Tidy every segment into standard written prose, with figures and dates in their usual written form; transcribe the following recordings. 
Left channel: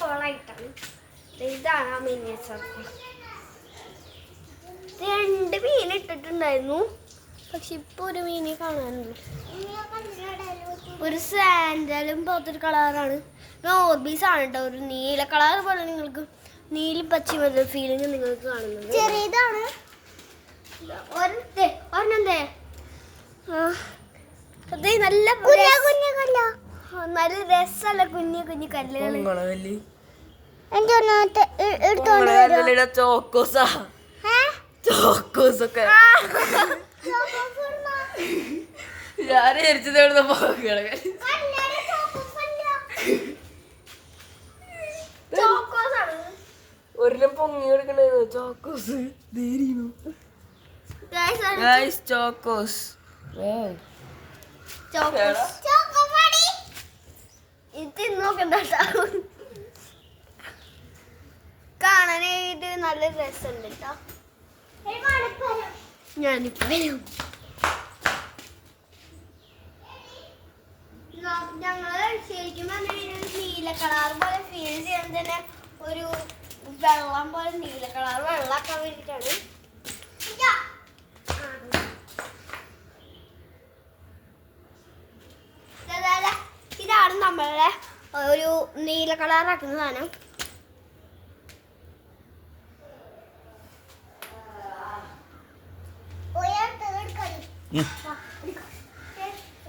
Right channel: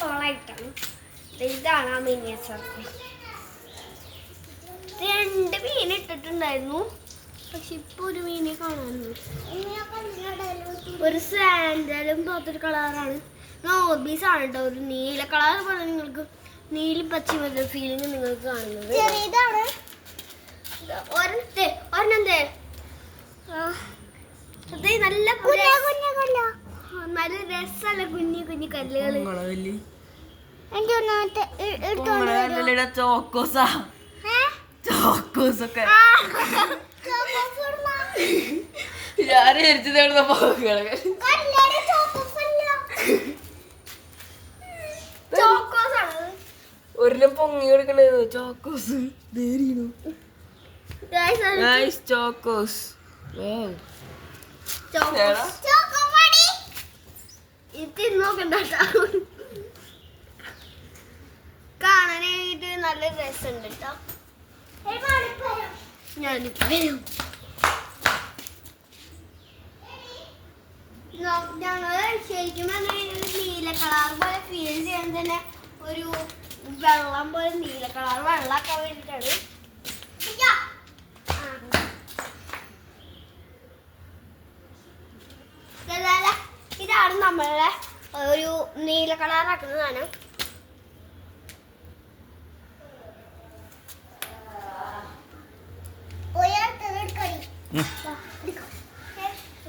കോളായിട്ടാണ്. ഇതാണ് ആ മിനിയേച്ചർ. 2 മീൻ ഇട്ടിട്ടുണ്ടായിരുന്നു, പക്ഷെ ഇപ്പൊ ഒരു മീനെ കാണാനുണ്ട്. ഒരു സാൻഡലും പോലത്തൊരു കളറാണ്. നോർബീസ് ആണ് കേട്ടോ. ഒരു നീല കളർ പോലെ നിങ്ങൾക്ക് നീലി പച്ച പോലൊരു ഫീലിംഗ് നിങ്ങൾക്ക് കാണുന്നത്. ചെറിയതാണ്. ഒരെണ്ണന്തേ നല്ല നല്ല രസമുള്ള കുഞ്ഞു കുഞ്ഞു കല്ലുകൾ. ചോക്കോസൊക്കെ ഞാൻ എരിച്ചത് എവിടെ ഒരെണ്ണം പൊങ്ങി കൊടുക്കണ്ടായിരുന്നു. ചോക്കോസ് ചോക്കോസ് കാണാനായിട്ട് നല്ല രസമുണ്ട് കേട്ടോ. ഞാനിപ്പോ വരും. ഞങ്ങള് ശരിക്കും നീല കളർ പോലെ ഫീൽ ചെയ്യാൻ തന്നെ ഒരു വെള്ളം പോലെ നീല കളർ വെള്ളമൊക്കെ വേണ്ടിയിട്ടാണ്. ഇതാണ് നമ്മളുടെ ഒരു നീല കളറാക്കുന്ന സാധനം.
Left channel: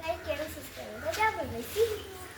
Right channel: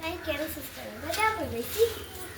Like and subscribe.